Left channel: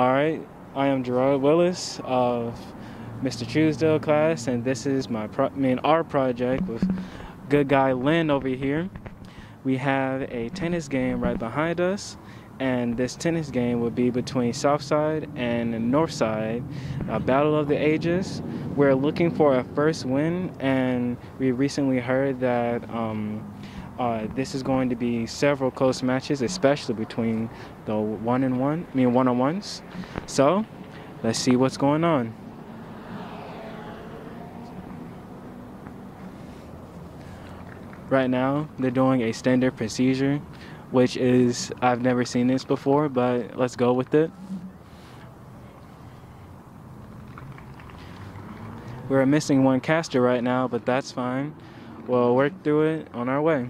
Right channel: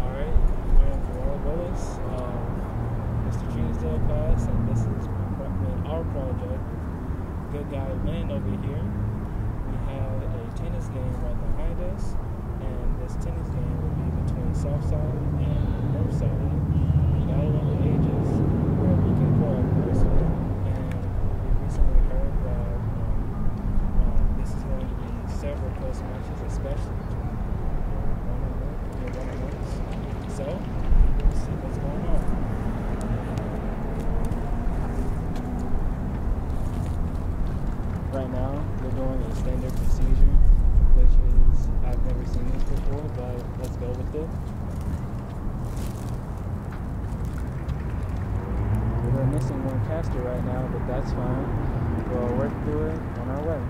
Alright, I am Gerard Willis of Mr. Truesdale class, and this is our project with good guy Lin over here. We have a tennis game right behind us, and this tennis game will be between Southside and Northside, a battle of the ages. We're looking for a first win, and we recently heard that this is going to be several close matches, especially between the one-on-ones. So let's see what's going on. Right now, they're doing a standard procedure, which is, I've never seen this before, but let's go with it. We're missing one caster right now, but that's fine. We'll work through it on our way.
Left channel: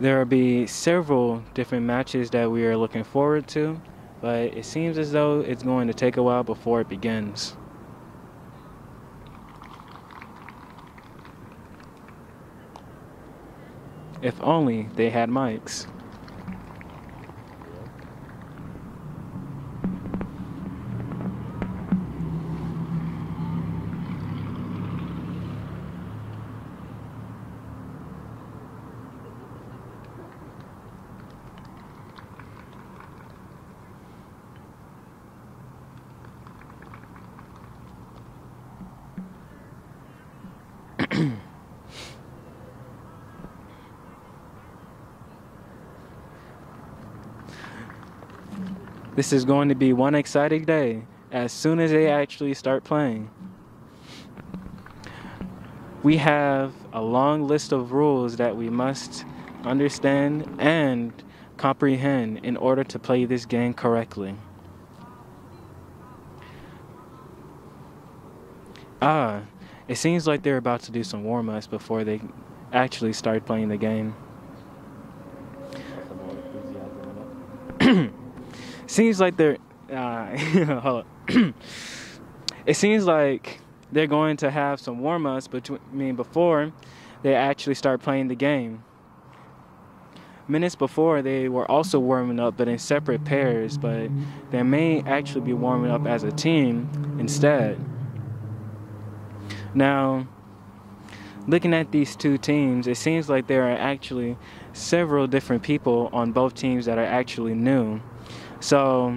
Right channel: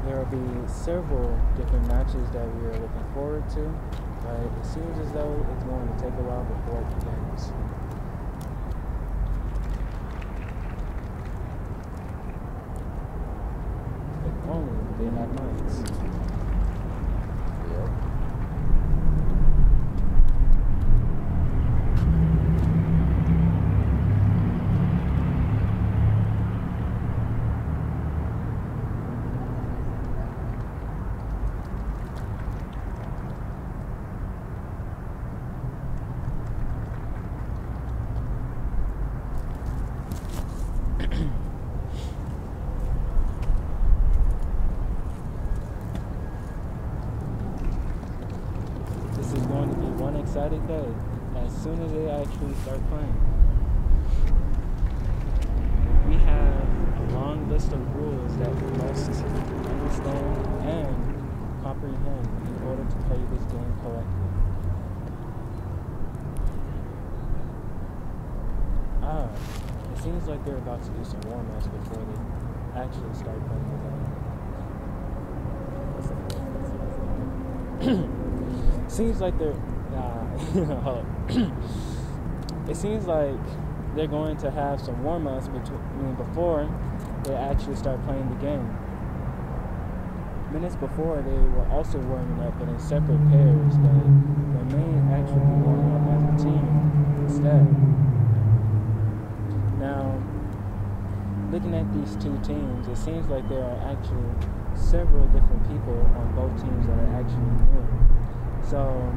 There will be several different matches that we are looking forward to, but it seems as though it's going to take a while before it begins. If only they had mics. This is going to be one exciting day as soon as they actually start playing. We have a long list of rules that we must understand and comprehend in order to play this game correctly. It seems like they're about to do some warm-ups before they actually start playing the game. Seems like they're it seems like they're going to have some warm-ups before they actually start playing the game. Minutes before, they were also warming up, but in separate pairs, but they may actually be warming up as a team instead. Now, looking at these two teams, it seems like there are actually several different people on both teams that are actually new. So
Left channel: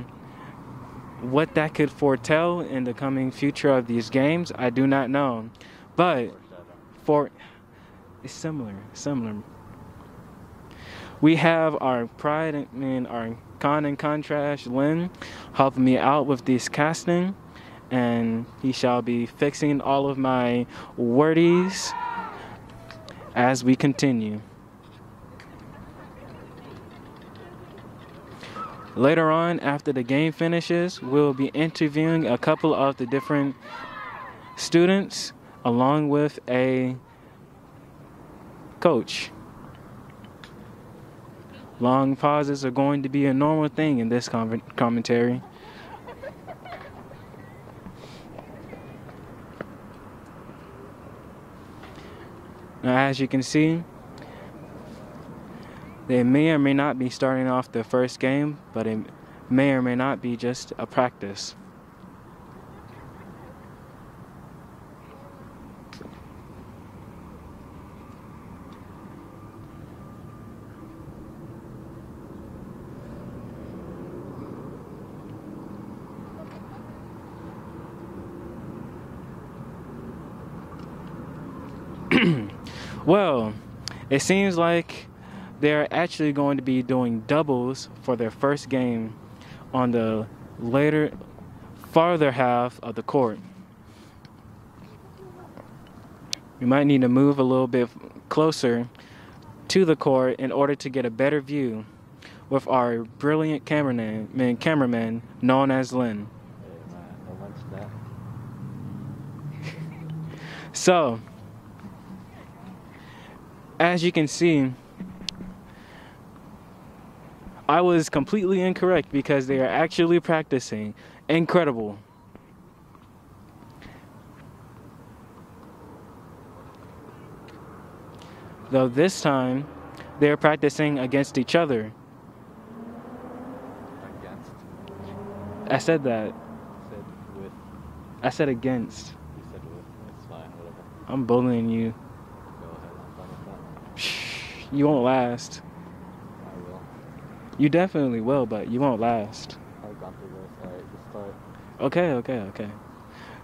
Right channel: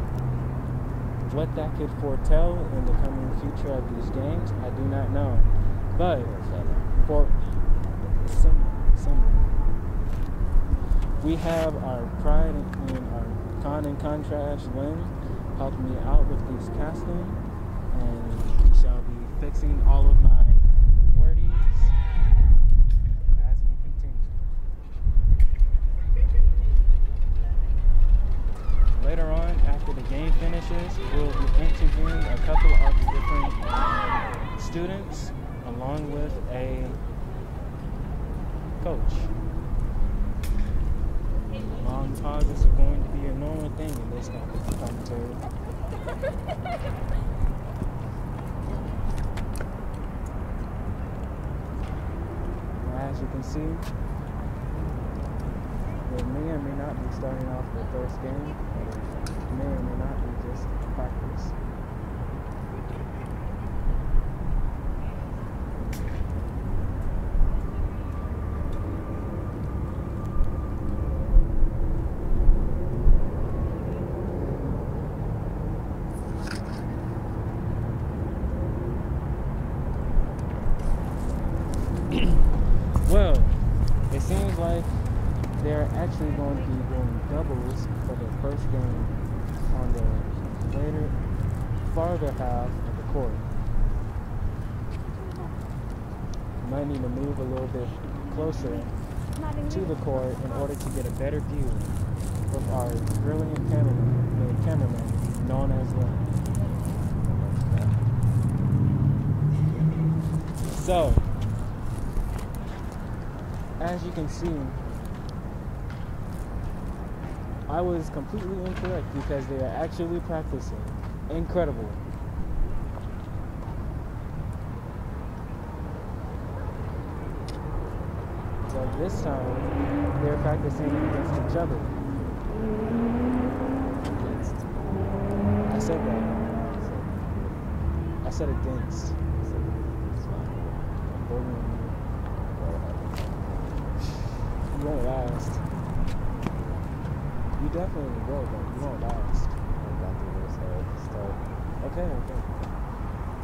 what that could foretell in the coming future of these games, I do not know. But it's similar. We have our pride and our con and contrast Lin helping me out with this casting, and he shall be fixing all of my wordies as we continue. Later on, after the game finishes, we'll be interviewing a couple of the different students along with a coach. Long pauses are going to be a normal thing in this commentary. Now, as you can see, they may or may not be starting off their first game, but it may or may not be just a practice. Well, it seems like they're actually going to be doing doubles for their first game on the farther half of the court. We might need to move a little bit closer to the court in order to get a better view with our brilliant cameraman known as Lin. So, as you can see, I was completely incorrect because they are actually practicing. incredible. Though this time, they're practicing against each other. I said that. I said against. I'm bullying you. You won't last. You definitely will, but you won't last. Okay.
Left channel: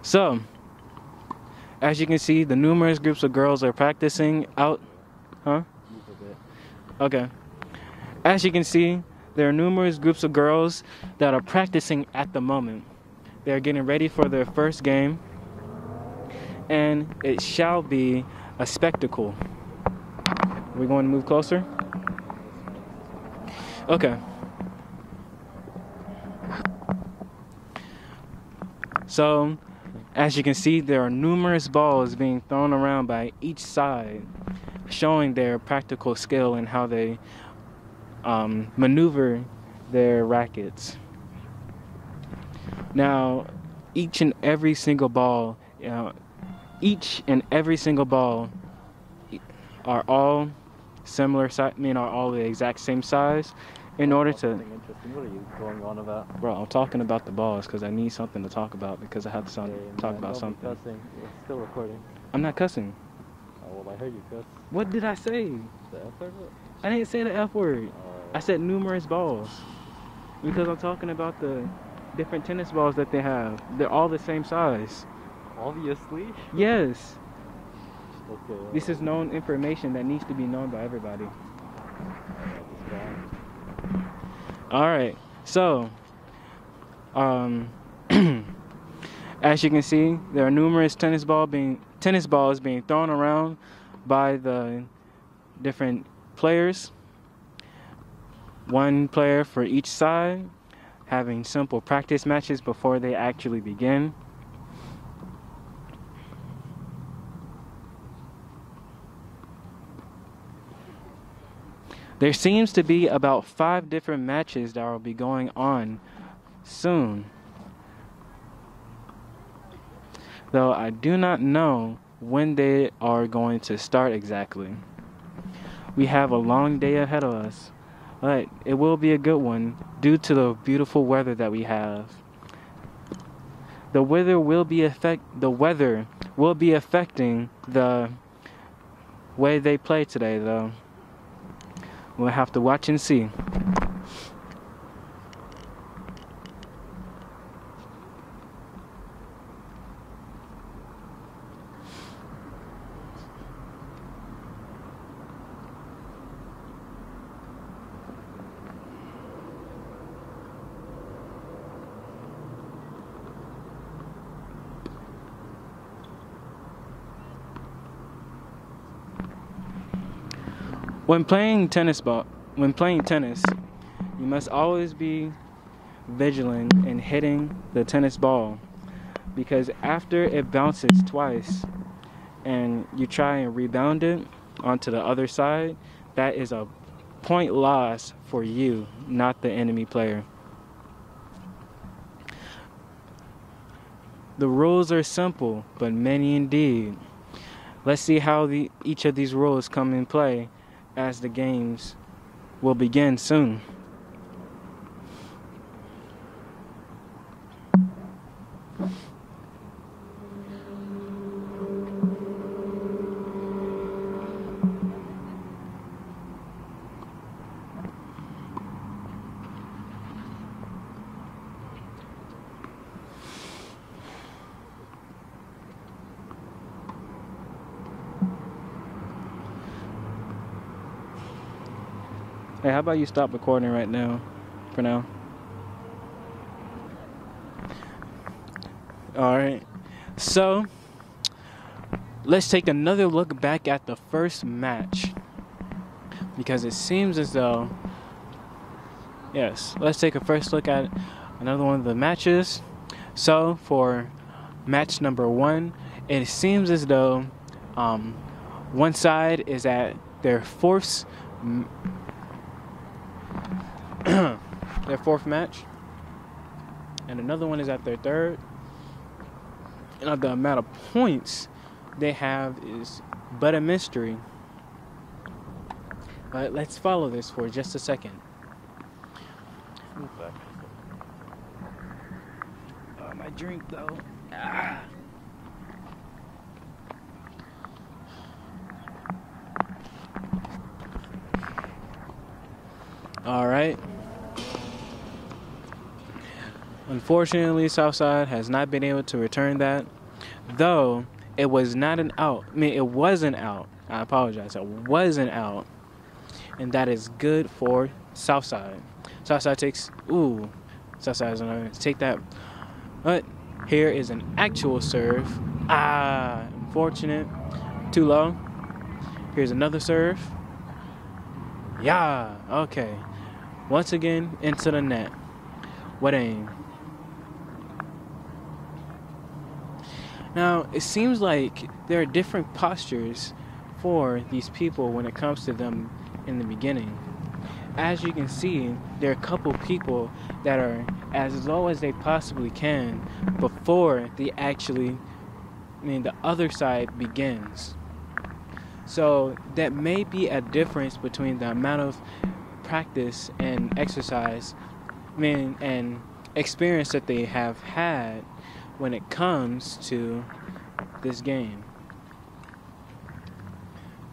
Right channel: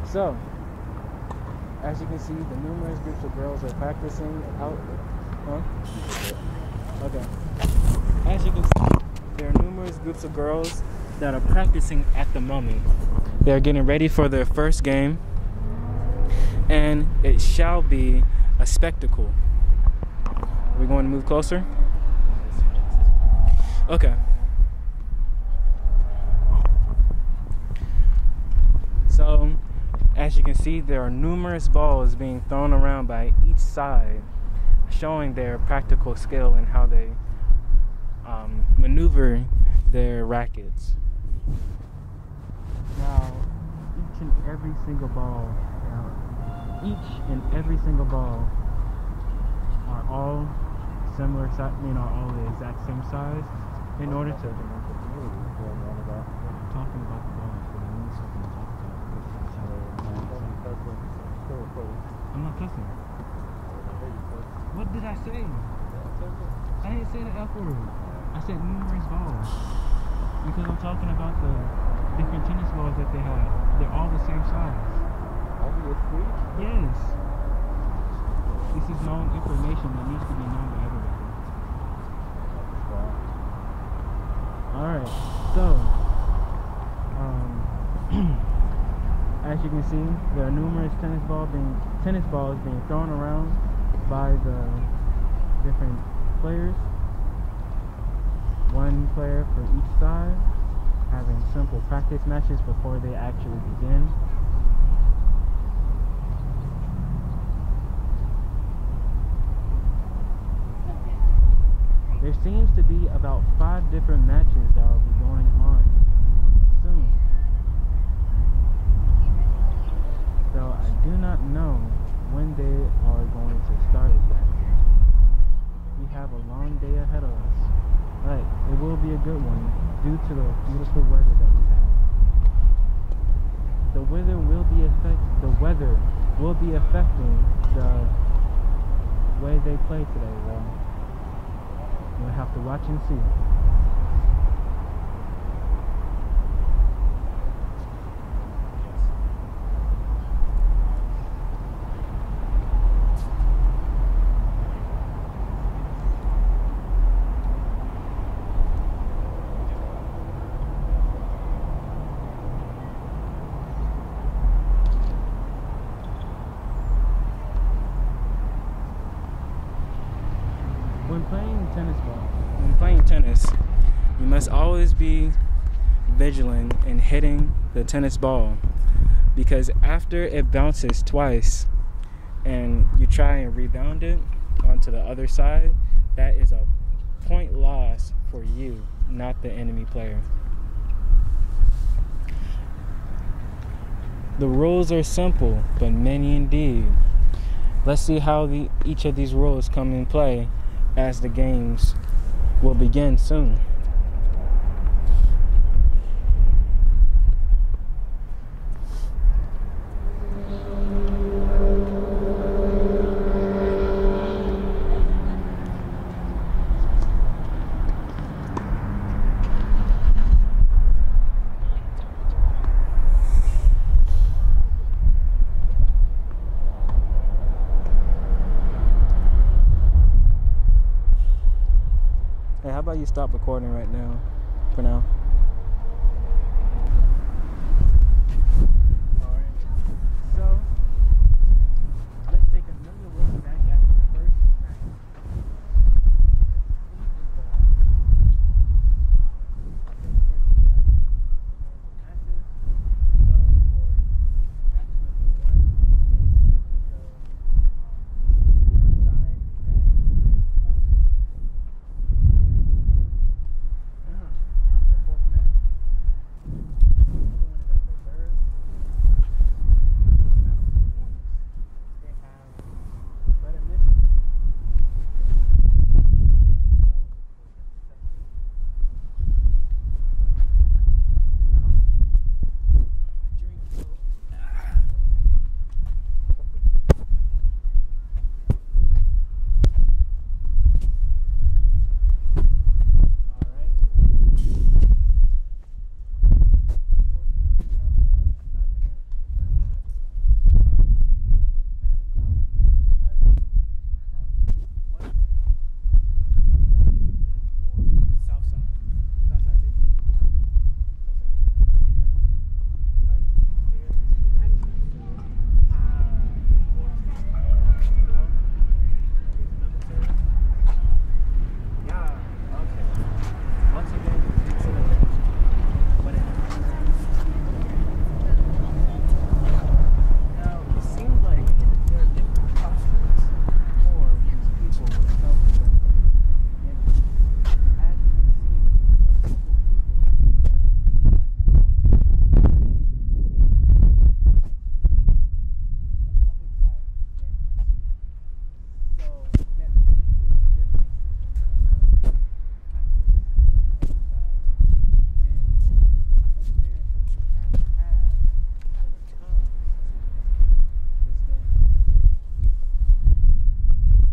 So, as you can see, the numerous groups of girls are practicing out. Huh? Okay. As you can see, there are numerous groups of girls that are practicing at the moment. They're getting ready for their first game, and it shall be a spectacle. Are we going to move closer? Okay. So, as you can see, there are numerous balls being thrown around by each side, showing their practical skill and how they maneuver their rackets. Now, each and every single ball are all similar size, are all the exact same size. In order to, bro, I'm talking about the balls because I need something to talk about, because I have to talk about something. I'm not cussing. What did I say? I didn't say the F word. I said numerous balls, because I'm talking about the different tennis balls that they have. They're all the same size. Obviously. Yes. This is known information that needs to be known by everybody. Alright, so as you can see, there are numerous tennis balls being thrown around by the different players. One player for each side, having simple practice matches before they actually begin. There seems to be about 5 different matches that will be going on soon, though I do not know when they are going to start exactly. We have a long day ahead of us, but it will be a good one due to the beautiful weather that we have. The weather will be affecting the way they play today, though. We'll have to watch and see. When playing tennis, you must always be vigilant in hitting the tennis ball, because after it bounces twice and you try and rebound it onto the other side, that is a point loss for you, not the enemy player. The rules are simple, but many indeed. Let's see how each of these rules come in play as the games will begin soon. Hey, how about you stop recording right now, for now? Alright, so let's take another look back at the first match, because it seems as though, yes, let's take a first look at another one of the matches. So for match number 1, it seems as though one side is at their fourth match, and and another one is at their third. And the amount of points they have is but a mystery. But let's follow this for just a second. My drink though. Alright. Unfortunately, Southside has not been able to return that. Though it was not an out. I mean, it wasn't out. I apologize. It wasn't out. And that is good for Southside. Southside takes. Southside is not going to take that. But here is an actual serve. Unfortunate. Too low. Here's another serve. Yeah. Okay. Once again, into the net. What aim? Now, it seems like there are different postures for these people when it comes to them in the beginning. As you can see, there are a couple people that are as low as they possibly can before the other side begins. So that may be a difference between the amount of practice and exercise, and experience that they have had when it comes to this game.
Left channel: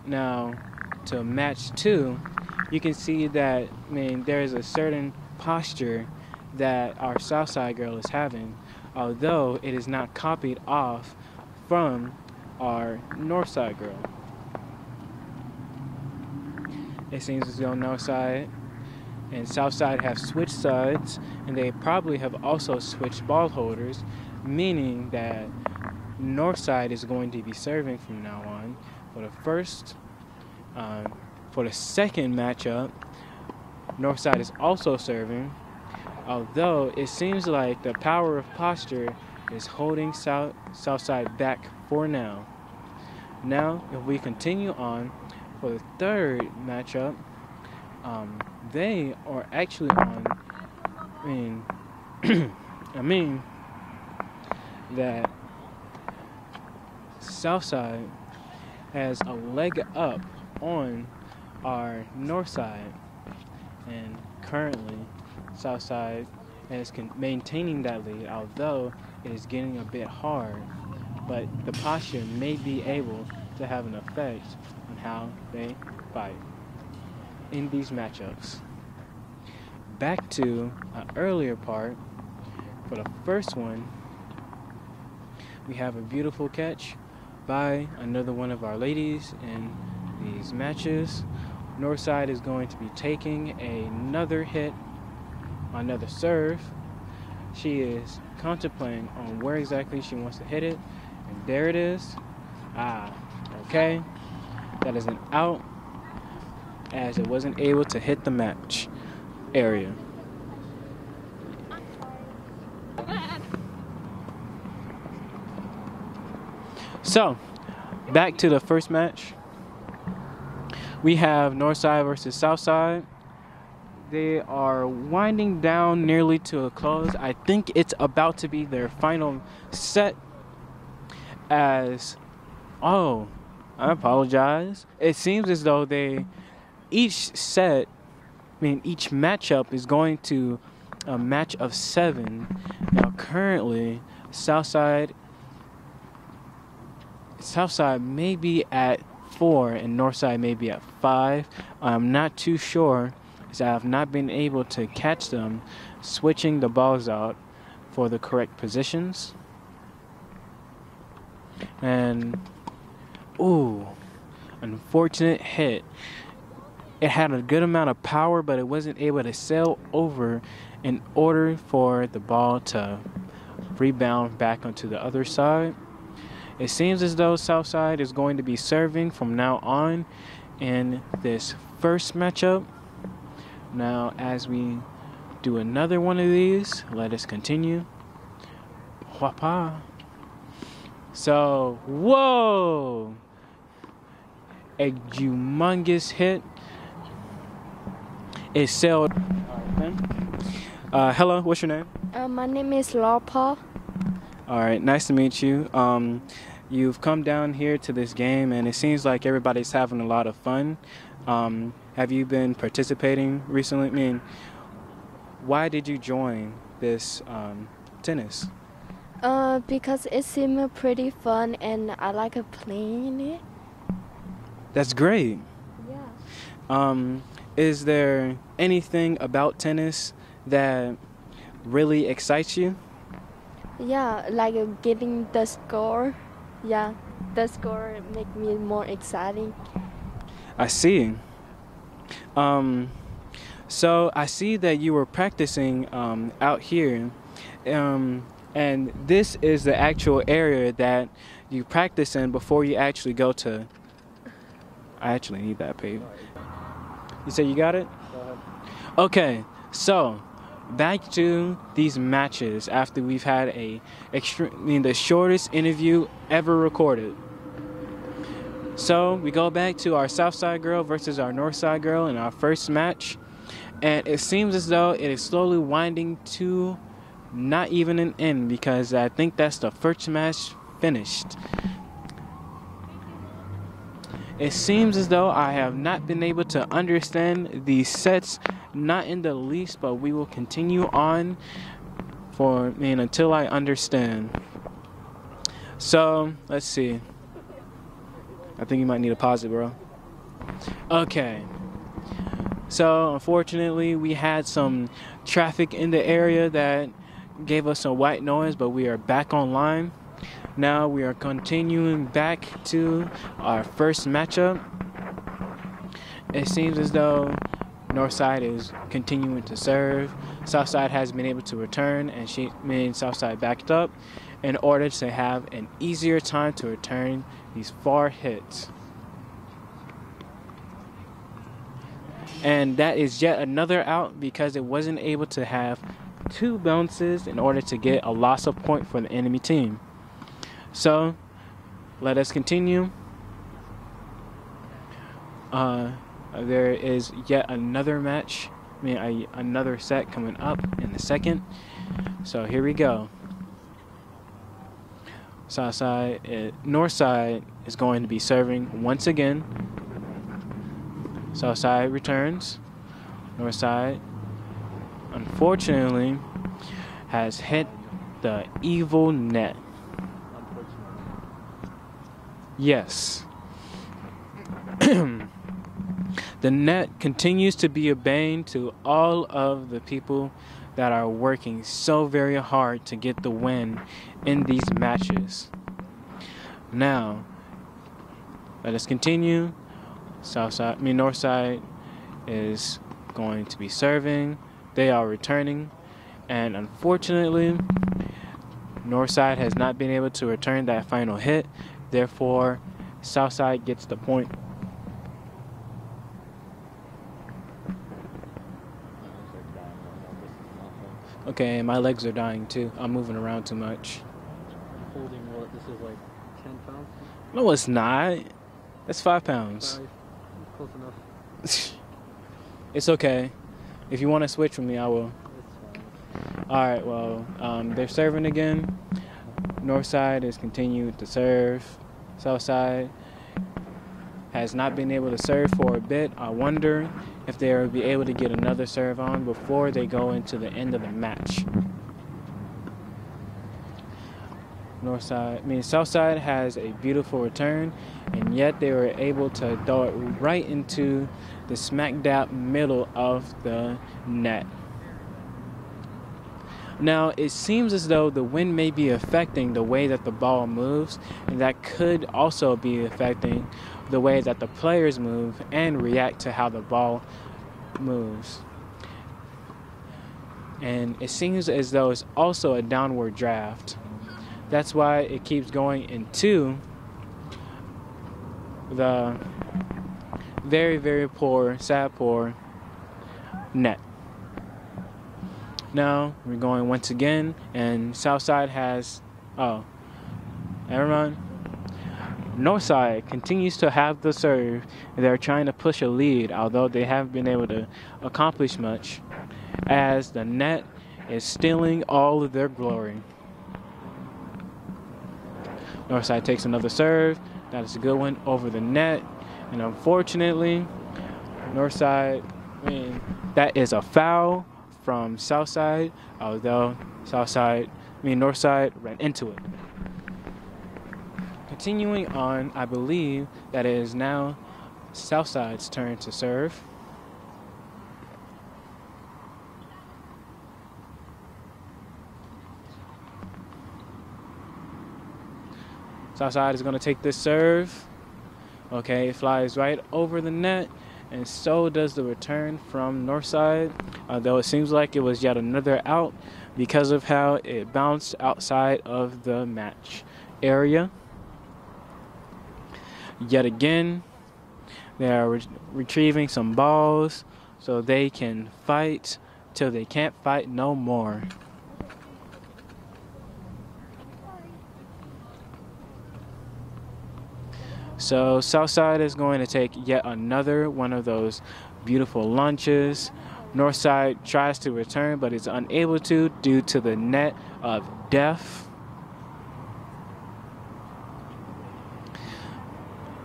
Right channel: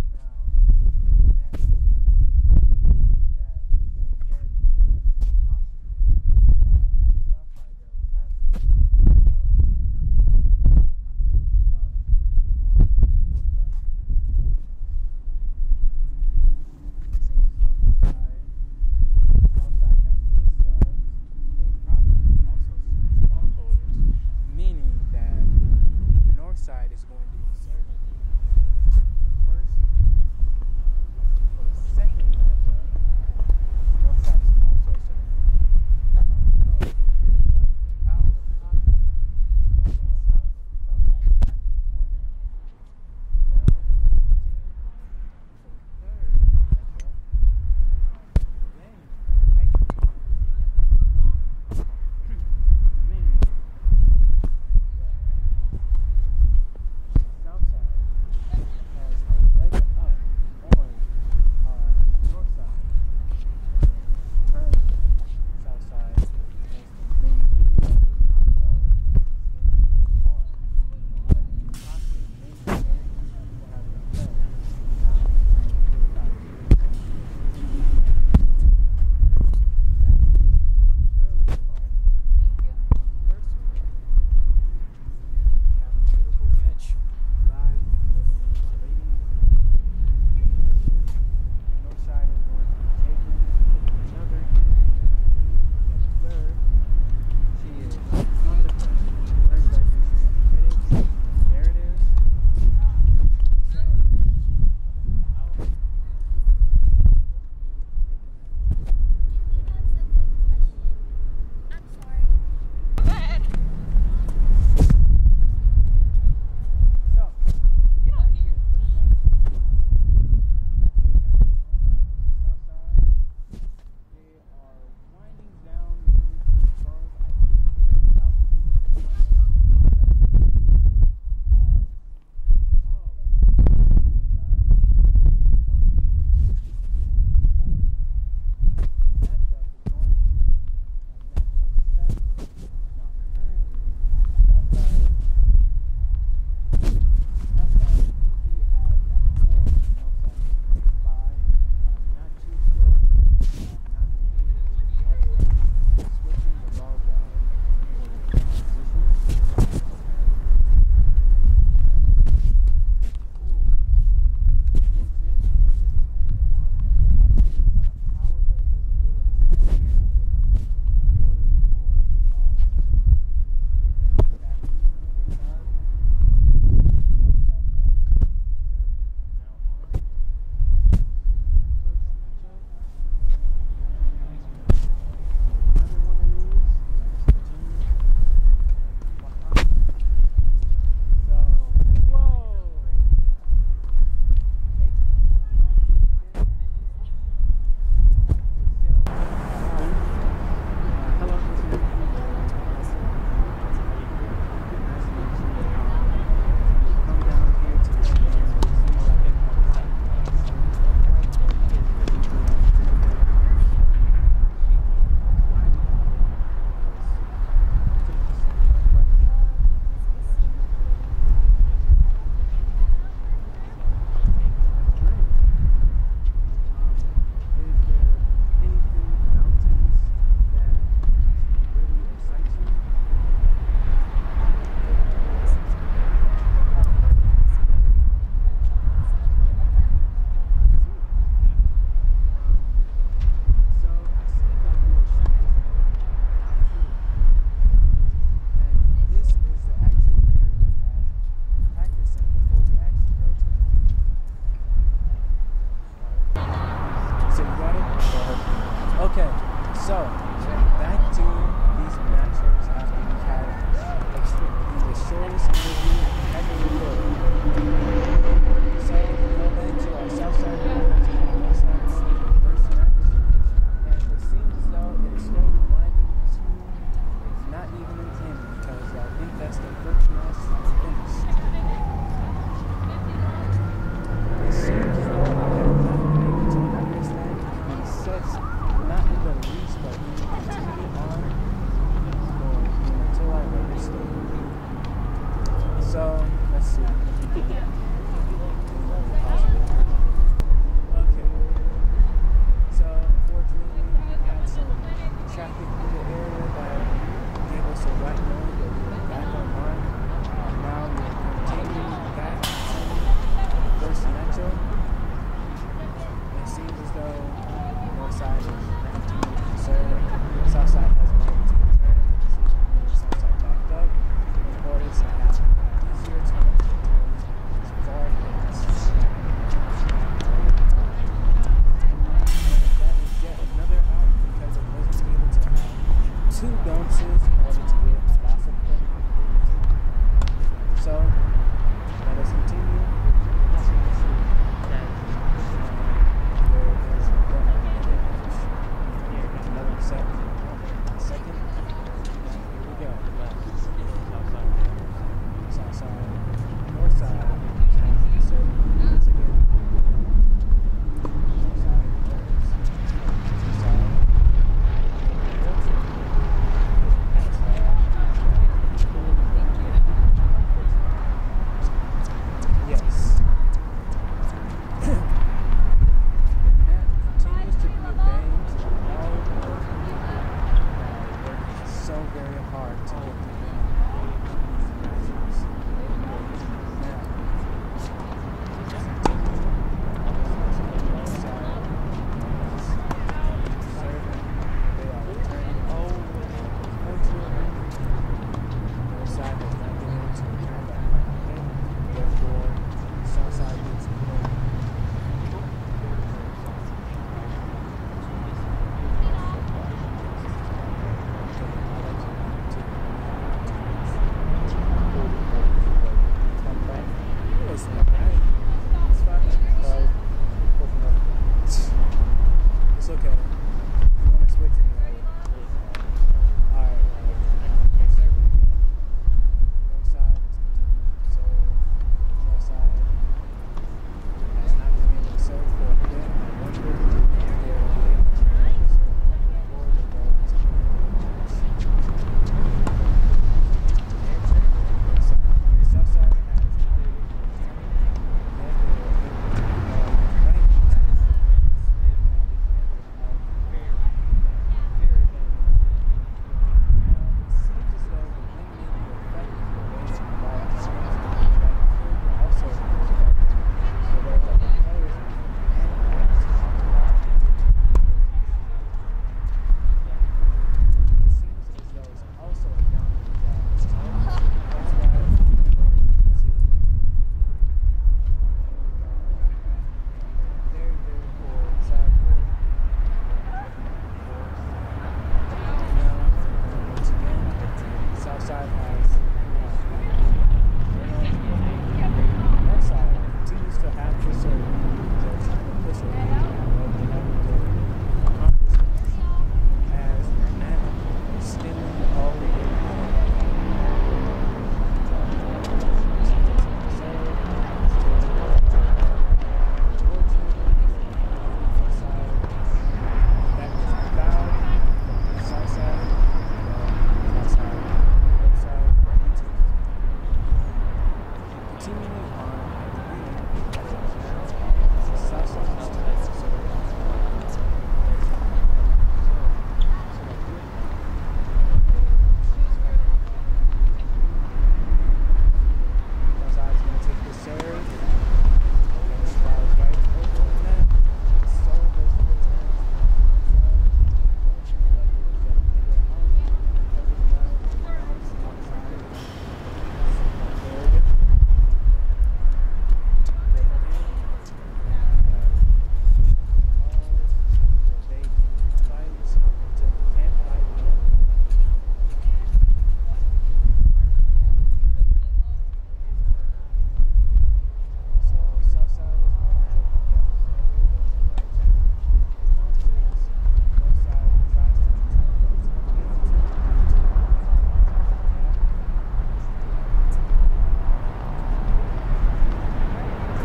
Now, to match 2, you can see that there is a certain posture that our Southside girl is having, although it is not copied off from our Northside girl. It seems as though Northside and Southside have switched sides, and they probably have also switched ball holders, meaning that Northside is going to be serving from now on. For the second matchup, Northside is also serving, although it seems like the power of posture is holding Southside back for now. Now, if we continue on for the third matchup, they are actually on. That Southside has a leg up on our Northside, and currently Southside is maintaining that lead, although it is getting a bit hard. But the posture may be able to have an effect on how they fight in these matchups. Back to an earlier part. For the first one, we have a beautiful catch by another one of our ladies in these matches. Northside is going to be taking another hit, another serve. She is contemplating on where exactly she wants to hit it. There it is. Okay. That is an out, as it wasn't able to hit the match area. So, back to the first match. We have Northside versus Southside. They are winding down nearly to a close. I think it's about to be their final set. I apologize. It seems as though each matchup is going to a match of 7. Now, currently, Southside may be at 4 and Northside may be at 5. I'm not too sure, so I have not been able to catch them switching the balls out for the correct positions. And unfortunate hit. It had a good amount of power, but it wasn't able to sail over in order for the ball to rebound back onto the other side. It seems as though Southside is going to be serving from now on in this first matchup. Now, as we do another one of these, let us continue. Whapa. So, whoa! A humongous hit. It sailed. Hello, what's your name? My name is Lapa. All right, nice to meet you. You've come down here to this game, and it seems like everybody's having a lot of fun. Have you been participating recently? I mean, why did you join this tennis? Because it seemed pretty fun and I like playing it. That's great. Yeah. Is there anything about tennis that really excites you? Yeah, like getting the score. Yeah, the score make me more exciting. I see. So I see that you were practicing out here, and this is the actual area that you practice in before you actually go to. I actually need that paper. You said you got it? Okay, so back to these matches after we've had the shortest interview ever recorded. So we go back to our Southside girl versus our Northside girl in our first match, and it seems as though it is slowly winding to not even an end, because I think that's the first match finished. It seems as though I have not been able to understand these sets, not in the least, but we will continue on until I understand. So let's see. I think you might need to pause it, bro. Okay. So unfortunately, we had some traffic in the area that gave us some white noise, but we are back online. Now we are continuing back to our first matchup. It seems as though Northside is continuing to serve. Southside has been able to return, and Southside backed up in order to have an easier time to return these far hits. And that is yet another out because it wasn't able to have 2 bounces in order to get a loss of point for the enemy team. So let us continue. There is yet another match, another set coming up in a second. So here we go. Northside is going to be serving once again. Southside returns. Northside, unfortunately, has hit the evil net. Yes. The net continues to be a bane to all of the people that are working so very hard to get the win in these matches. Now, let us continue. Northside is going to be serving. They are returning, and unfortunately, Northside has not been able to return that final hit. Therefore, Southside gets the point. Okay, my legs are dying too. I'm moving around too much. No, it's not. That's 5 pounds. It's okay. If you want to switch with me, I will. Alright, well, they're serving again. Northside is continuing to serve. Southside has not been able to serve for a bit. I wonder if they'll be able to get another serve on before they go into the end of the match. Southside has a beautiful return, and yet they were able to throw it right into the smack dab middle of the net. Now, it seems as though the wind may be affecting the way that the ball moves, and that could also be affecting the way that the players move and react to how the ball moves. And it seems as though it's also a downward draft. That's why it keeps going into the very, very poor, sad poor net. Now we're going once again, and Southside has, oh, never mind. Northside continues to have the serve. They're trying to push a lead, although they haven't been able to accomplish much, as the net is stealing all of their glory. Northside takes another serve. That's a good one over the net. And unfortunately, Northside, that is a foul from Southside, although Northside ran into it. Continuing on, I believe that it is now Southside's turn to serve. Southside is going to take this serve. Okay, it flies right over the net, and so does the return from Northside, although it seems like it was yet another out because of how it bounced outside of the match area. Yet again, they are retrieving some balls so they can fight till they can't fight no more. So Southside is going to take yet another one of those beautiful lunches. Northside tries to return but is unable to due to the net of death.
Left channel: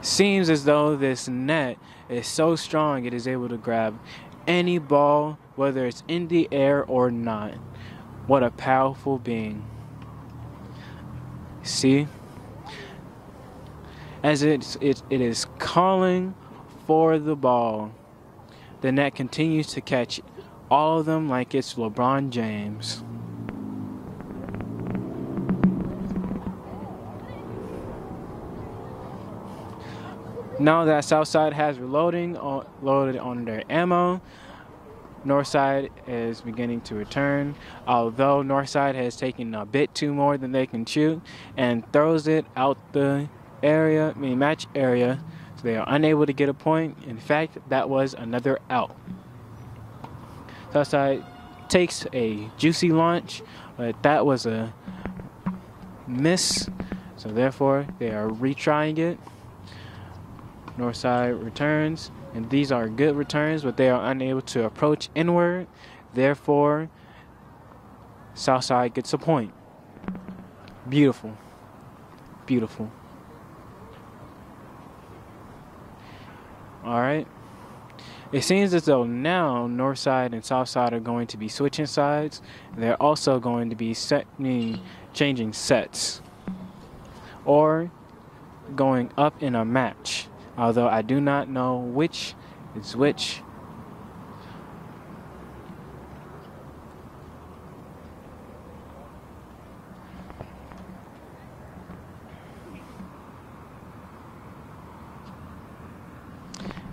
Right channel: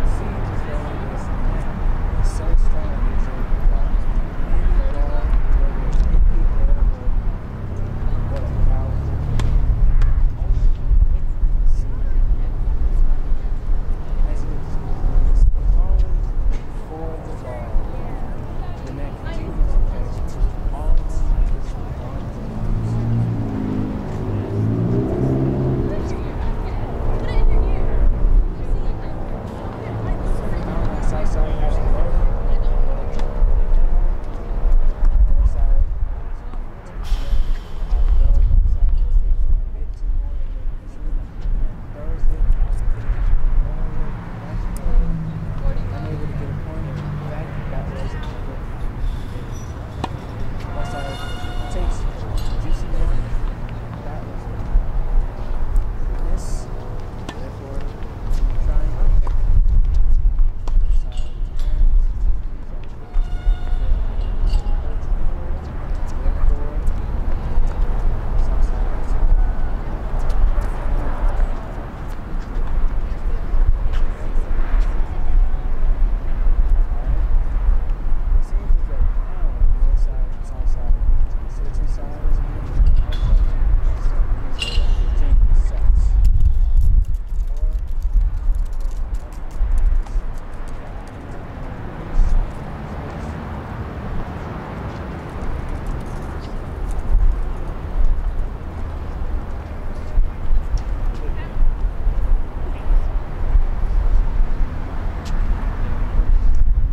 Seems as though this net is so strong it is able to grab any ball, whether it's in the air or not. What a powerful being. See? As it is calling for the ball, the net continues to catch all of them like it's LeBron James. Now that Southside has loaded on their ammo, Northside is beginning to return, although Northside has taken a bit too more than they can chew and throws it out the match area, so they are unable to get a point. In fact, that was another out. Southside takes a juicy launch, but that was a miss, so therefore they are retrying it. Northside returns, and these are good returns, but they are unable to approach inward. Therefore, Southside gets a point. Beautiful. Beautiful. Alright. It seems as though now Northside and Southside are going to be switching sides, and they're also going to be changing sets, or going up in a match, although I do not know which is which.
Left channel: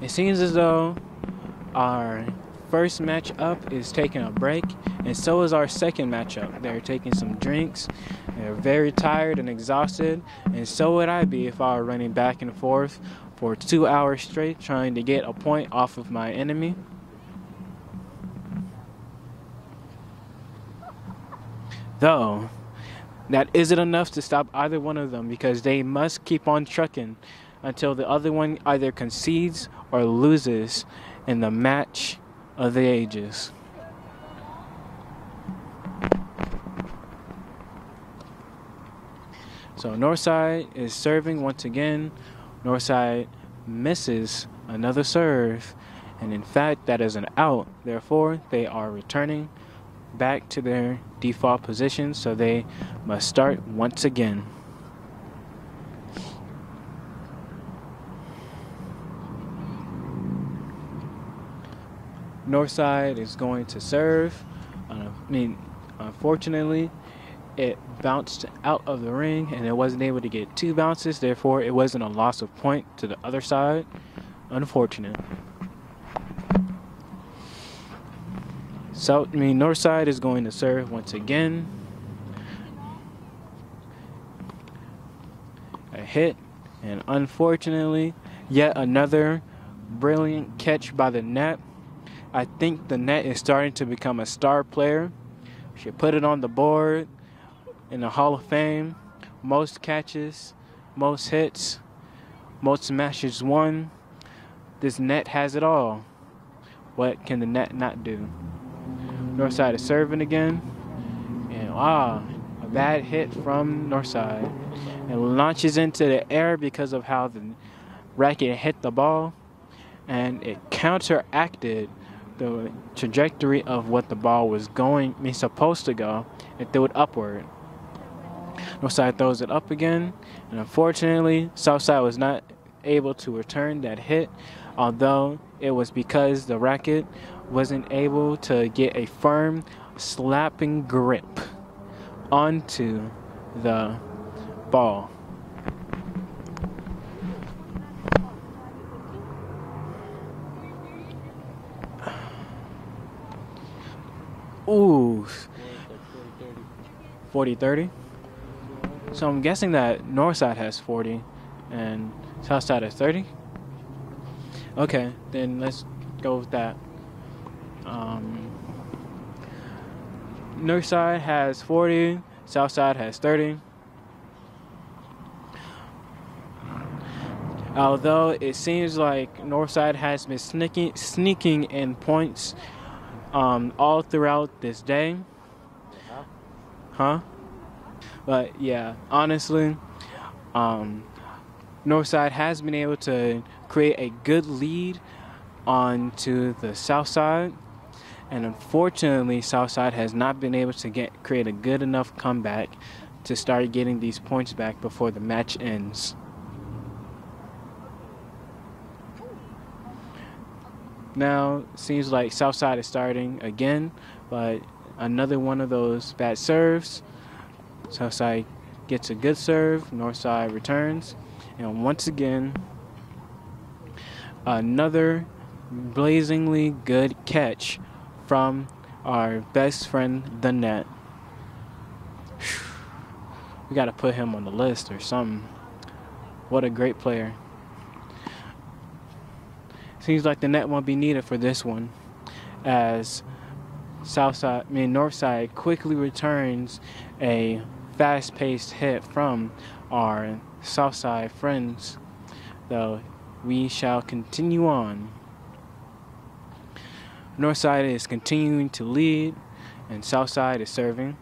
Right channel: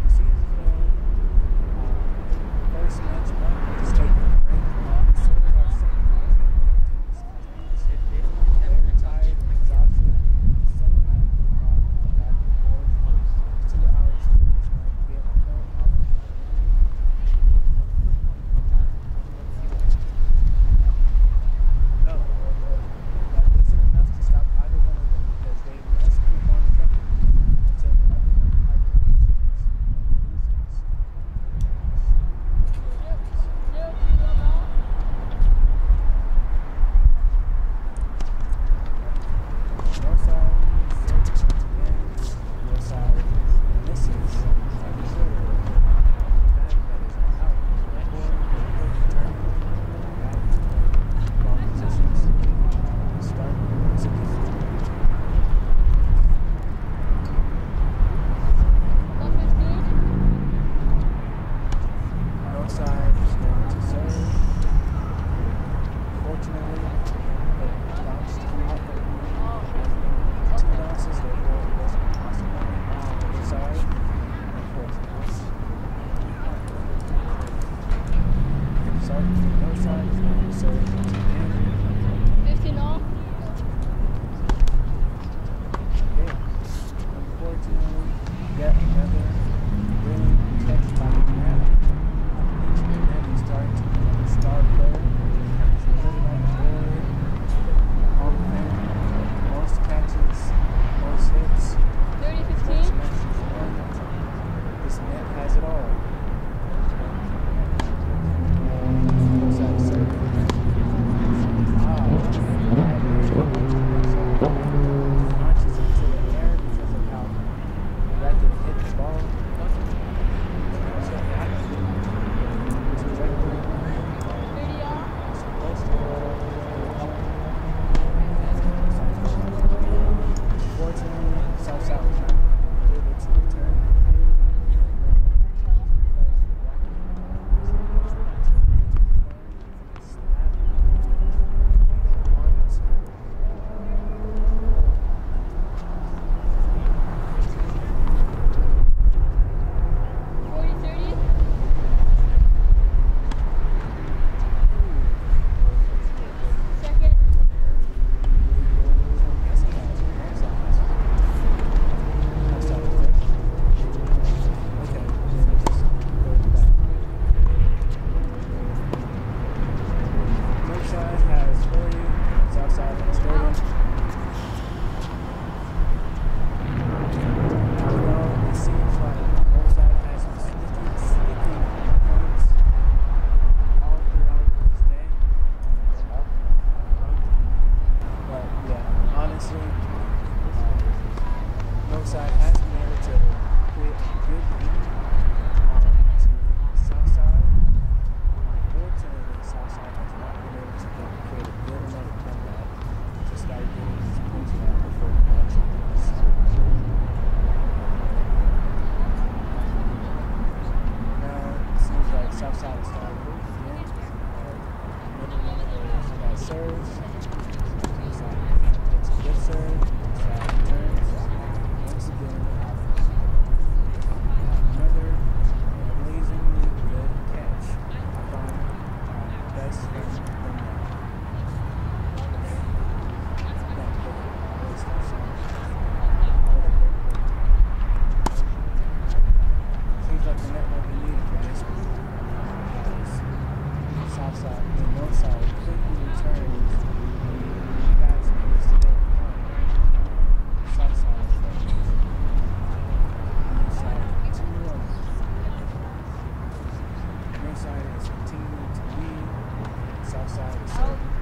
It seems as though our first match up is taking a break, and so is our second matchup. They're taking some drinks. They're very tired and exhausted, and so would I be if I were running back and forth for 2 hours straight trying to get a point off of my enemy. Though, that isn't enough to stop either one of them, because they must keep on trucking until the other one either concedes or loses in the match of the ages. So Northside is serving once again. Northside misses another serve, and in fact that is an out. Therefore they are returning back to their default position, so they must start once again. Northside is going to serve. Unfortunately, it bounced out of the ring and it wasn't able to get 2 bounces, therefore it wasn't a loss of point to the other side. Unfortunate. So, Northside is going to serve once again. A hit, and unfortunately, yet another brilliant catch by the net. I think the net is starting to become a star player. Should put it on the board in the Hall of Fame. Most catches, most hits, most matches won. This net has it all. What can the net not do? Northside is serving again. Wow, bad hit from Northside. It launches into the air because of how the racket hit the ball, and it counteracted the trajectory of what the ball was supposed to go, and threw it upward. Northside throws it up again, and unfortunately, Southside was not able to return that hit, although it was because the racket wasn't able to get a firm slapping grip onto the ball. Ooh, 40-30. So I'm guessing that Northside has 40 and Southside has 30. Okay, then let's go with that. Northside has 40, Southside has 30. Although it seems like Northside has been sneaking in points all throughout this day. But yeah, honestly, Northside has been able to create a good lead onto the south side, and unfortunately Southside has not been able to create a good enough comeback to start getting these points back before the match ends. Now it seems like Southside is starting again, but another one of those bad serves. Southside gets a good serve, Northside returns, and once again another blazingly good catch from our best friend, the net. We gotta put him on the list or something. What a great player. Seems like the net won't be needed for this one, as Northside quickly returns a fast-paced hit from our Southside friends. Though we shall continue on. Northside is continuing to lead, and Southside is serving.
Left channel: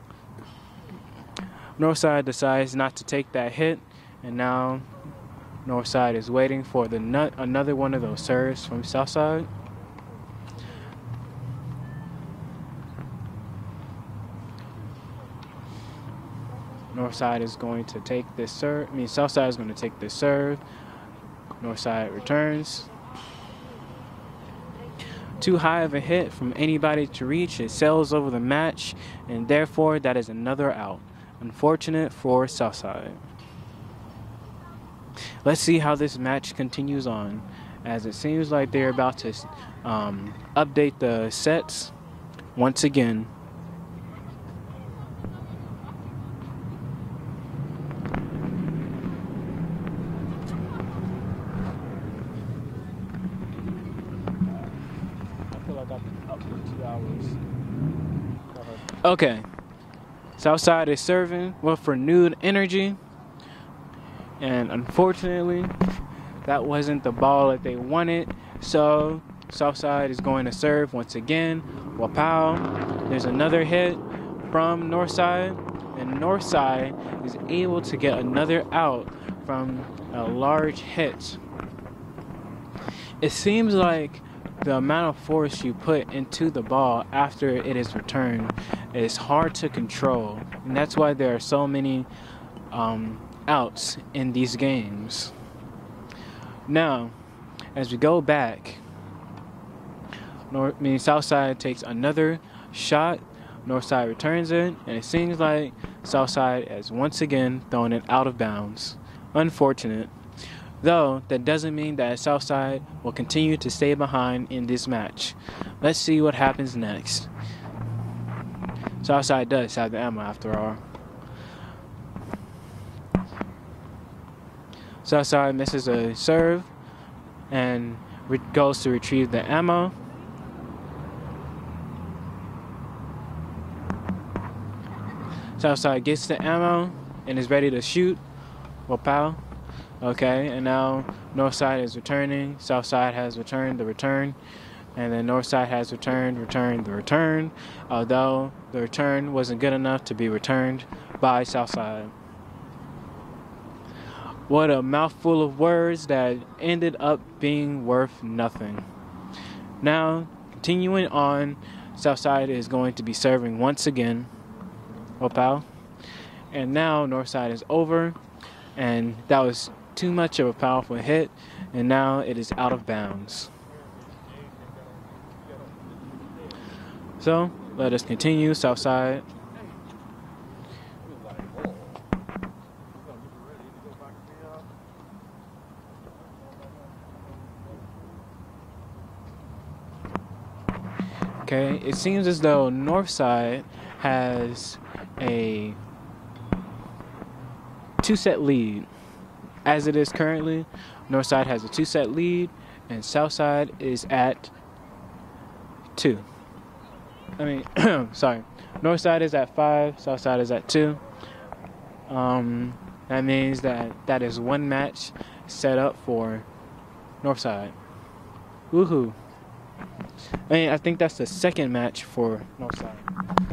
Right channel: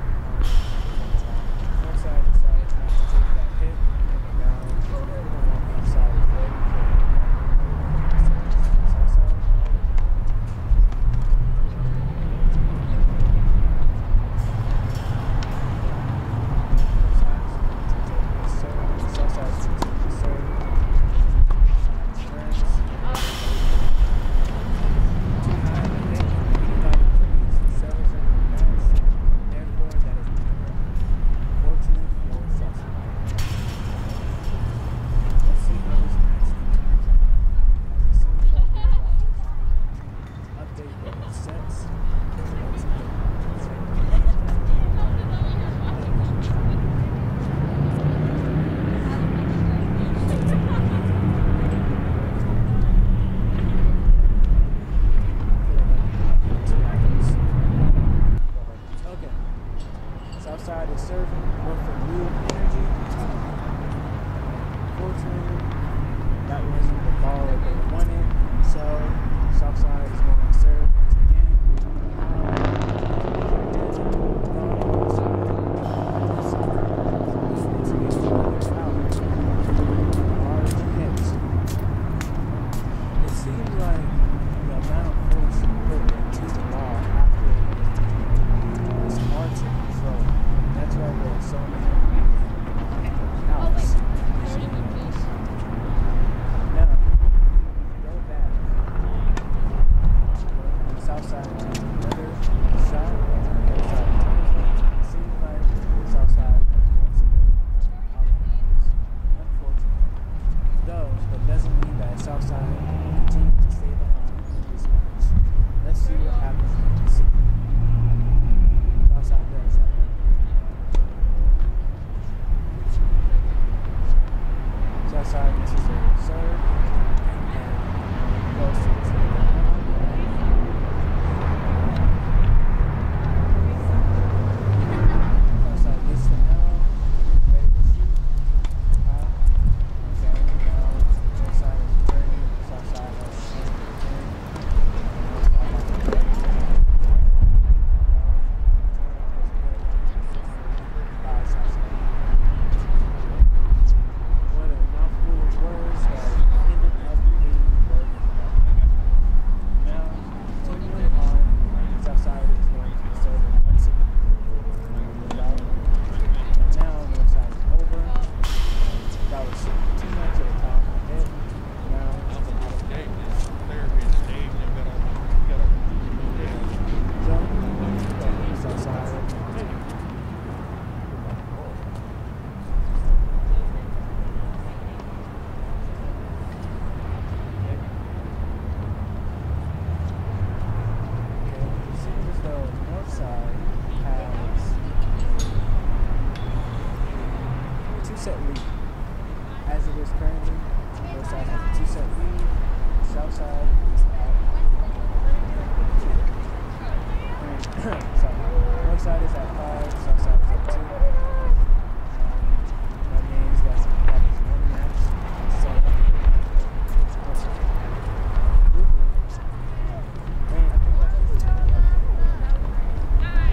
Northside decides not to take that hit, and now Northside is waiting for another one of those serves from Southside. Northside is going to take this serve. Southside is going to take this serve. Northside returns. Too high of a hit from anybody to reach. It sails over the match, and therefore that is another out. Unfortunate for Southside. Let's see how this match continues on, as it seems like they're about to update the sets once again. Okay, Southside is serving with renewed energy, and unfortunately that wasn't the ball that they wanted, so Southside is going to serve once again. Wapow. There's another hit from Northside, and Northside is able to get another out from a large hit. It seems like the amount of force you put into the ball after it is returned is hard to control, and that's why there are so many outs in these games. Now, as we go back, Southside takes another shot, Northside returns it, and it seems like Southside has once again thrown it out of bounds. Unfortunate. Though, that doesn't mean that Southside will continue to stay behind in this match. Let's see what happens next. Southside does have the ammo after all. Southside misses a serve and goes to retrieve the ammo. Southside gets the ammo and is ready to shoot. Wapow. Okay, and now Northside is returning. Southside has returned the return, and then Northside has returned the return. Although the return wasn't good enough to be returned by Southside. What a mouthful of words that ended up being worth nothing. Now, continuing on, Southside is going to be serving once again. Opal. And now Northside is over, and that was too much of a powerful hit, and now it is out of bounds. So let us continue. Southside. Okay, it seems as though Northside has a 2-set lead. As it is currently, Northside has a 2-set lead, and Southside is at 2. Sorry. Northside is at 5, Southside is at 2. That means that is one match set up for Northside. Woohoo! I think that's the second match for Northside.